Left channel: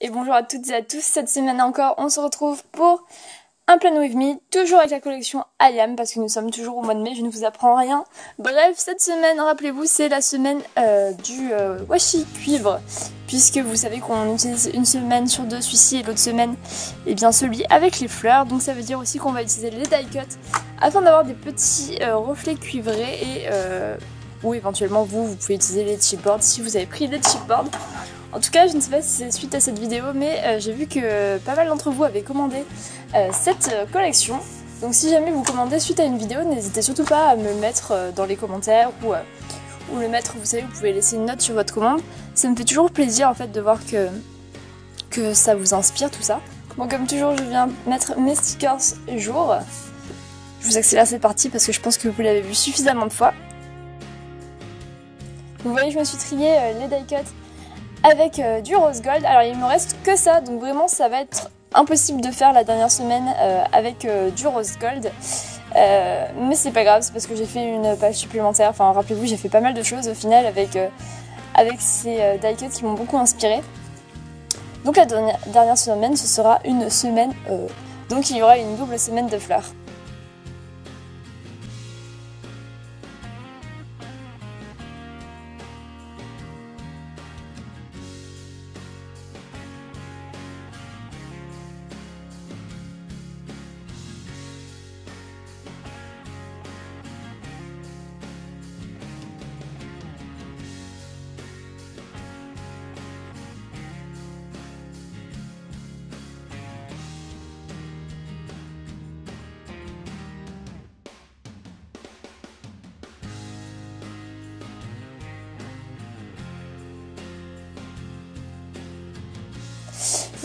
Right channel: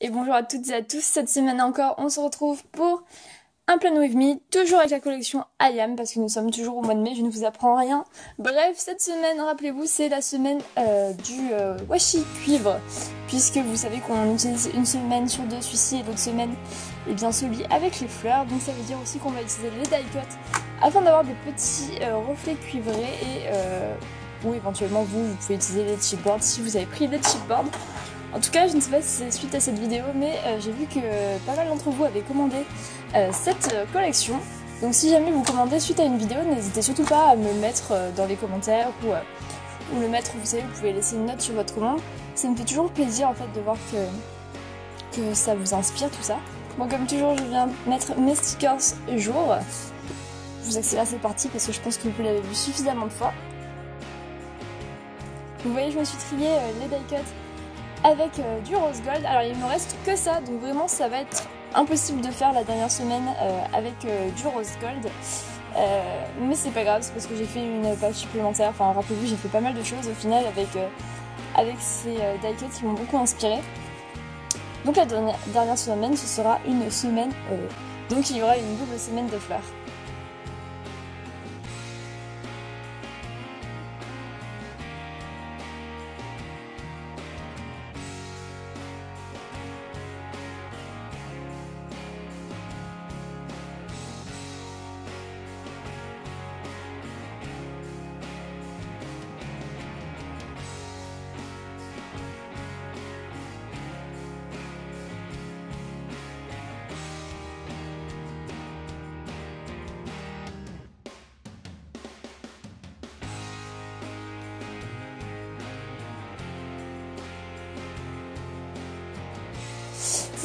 Et bonjour à toutes et à tous, cette semaine encore on se retrouve pour un Plan With Me, toujours avec la collection IAM parce que nous sommes toujours au mois de mai, je ne vous apprends rien. Bref, cette semaine, rappelez-vous, c'est la semaine du washi cuivre, puisque vous savez qu'on utilise une semaine sur deux celui-ci et l'autre semaine, et bien celui avec les fleurs, donc ça veut dire aussi qu'on va utiliser les die cuts afin d'avoir des petits reflets cuivrés et ou éventuellement vous pouvez utiliser les chipboards si vous avez pris des chipboards. En tout cas, je ne sais pas si c'est suite à cette vidéo, mais j'ai vu que pas mal d'entre vous avaient commandé cette collection. Donc si jamais vous commandez suite à une vidéo, n'hésitez surtout pas à me le mettre dans les commentaires ou le mettre, vous savez, vous pouvez laisser une note sur votre commande. Ça me fait toujours plaisir en fait de voir que ça vous inspire tout ça. Bon, comme toujours, je viens mettre mes stickers jour. Je vous accélère cette partie parce que je pense que vous l'avez vu suffisamment de fois. Vous voyez, je me suis trié les die cuts avec du rose gold. Alors il me reste que ça, donc vraiment ça va être impossible de faire la dernière semaine avec du rose gold. Mais c'est pas grave, c'est parce que j'ai fait une page supplémentaire. Enfin rappelez-vous, j'ai fait pas mal de choses au final avec ces die cuts qui m'ont beaucoup inspiré. Donc la dernière semaine, ce sera une semaine, donc il y aura une double semaine de fleurs.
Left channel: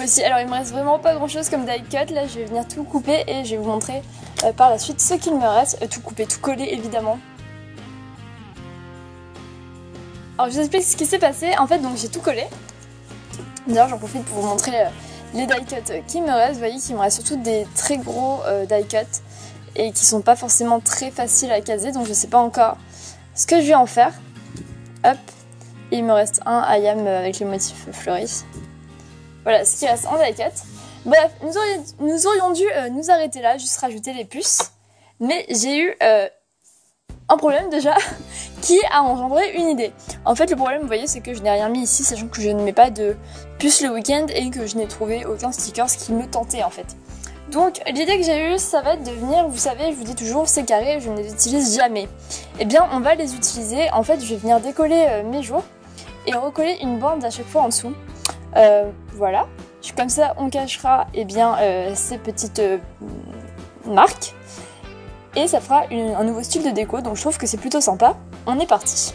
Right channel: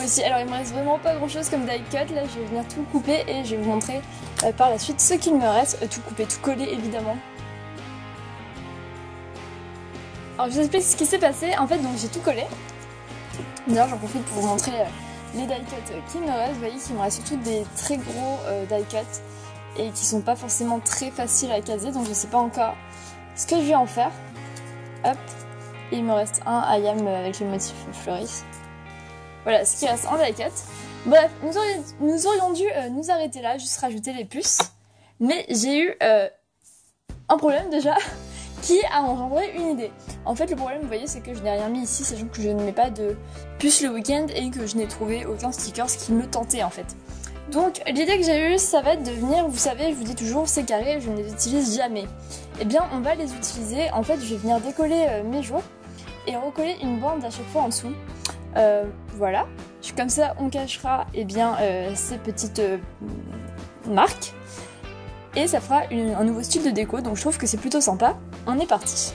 Aussi, alors il me reste vraiment pas grand chose comme die cut, là je vais venir tout couper et je vais vous montrer par la suite ce qu'il me reste, tout couper, tout coller évidemment. Alors je vous explique ce qui s'est passé, en fait donc j'ai tout collé. D'ailleurs j'en profite pour vous montrer les die cuts qui me restent, vous voyez qu'il me reste surtout des très gros die cuts et qui sont pas forcément très faciles à caser, donc je sais pas encore ce que je vais en faire. Hop, et il me reste un IAM avec les motifs fleuris. Voilà, ce qui reste en die cut. Bref, nous aurions dû nous arrêter là, juste rajouter les puces. Mais j'ai eu un problème déjà qui a engendré une idée. En fait, le problème, vous voyez, c'est que je n'ai rien mis ici, sachant que je ne mets pas de puces le week-end et que je n'ai trouvé aucun stickers qui me tentait en fait. Donc, l'idée que j'ai eue, ça va être de venir, vous savez, je vous dis toujours, ces carrés, je ne les utilise jamais. Eh bien, on va les utiliser. En fait, je vais venir décoller mes jours et recoller une bande à chaque fois en dessous. Voilà, comme ça on cachera ces petites marques et ça fera un nouveau style de déco, donc je trouve que c'est plutôt sympa. On est parti.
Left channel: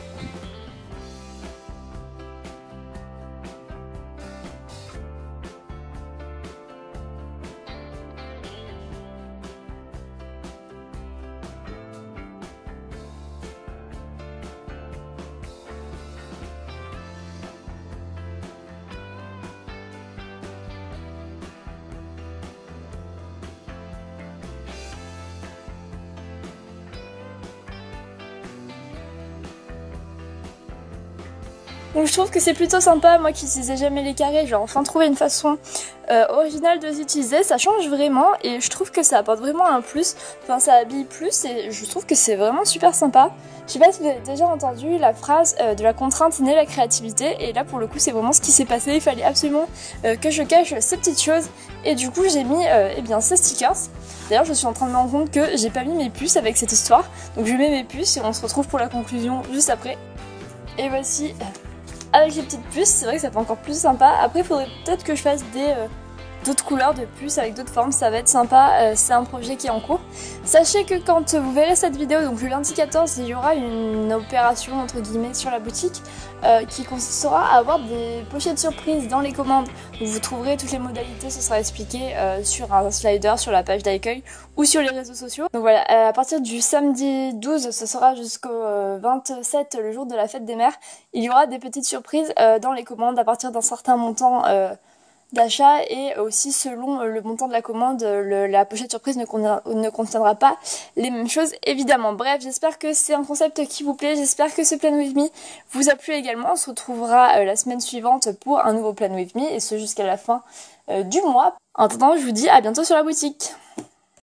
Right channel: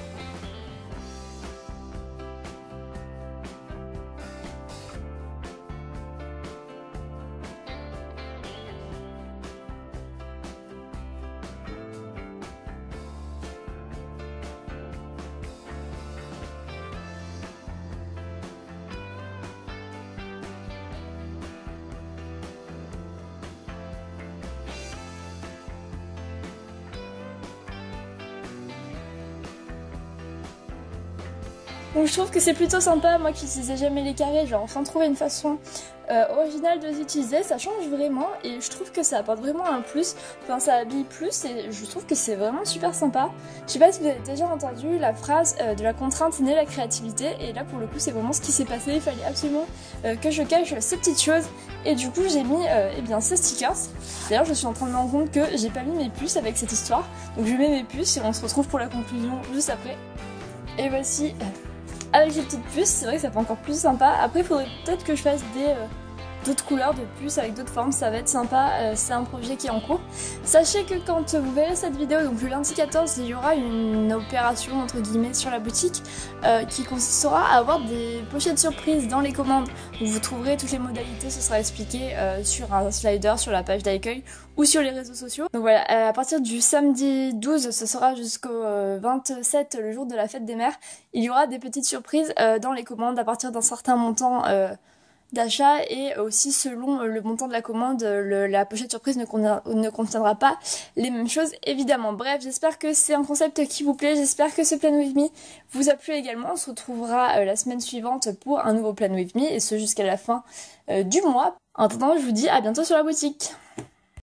Donc je trouve que c'est plutôt sympa, moi qui n'utilisais jamais les carrés, j'ai enfin trouvé une façon originale de les utiliser, ça change vraiment et je trouve que ça apporte vraiment un plus, enfin ça habille plus et je trouve que c'est vraiment super sympa. Je sais pas si vous avez déjà entendu la phrase de la contrainte naît la créativité, et là pour le coup c'est vraiment ce qui s'est passé, il fallait absolument que je cache ces petites choses et du coup j'ai mis ces stickers. D'ailleurs je suis en train de me rendre compte que j'ai pas mis mes puces avec cette histoire, donc je mets mes puces et on se retrouve pour la conclusion juste après. Et voici avec les petites puces, c'est vrai que ça fait encore plus sympa. Après il faudrait peut-être que je fasse d'autres couleurs de puces avec d'autres formes, ça va être sympa, c'est un projet qui est en cours. Sachez que quand vous verrez cette vidéo, donc le lundi 14, il y aura une opération entre guillemets sur la boutique qui consistera à avoir des pochettes surprises dans les commandes. Donc vous trouverez toutes les modalités, ce sera expliqué sur un slider, sur la page d'accueil ou sur les réseaux sociaux. Donc voilà, à partir du samedi 12, ce sera jusqu'au 27, le jour de la fête des mères, il y aura des petites surprises dans les commandes à partir d'un certain montant d'achat et aussi selon le montant de la commande, la pochette surprise ne contiendra pas les mêmes choses évidemment. Bref, j'espère que c'est un concept qui vous plaît, j'espère que ce Plan With Me vous a plu également. On se retrouvera la semaine suivante pour un nouveau Plan With Me et ce jusqu'à la fin du mois. En attendant, je vous dis à bientôt sur la boutique.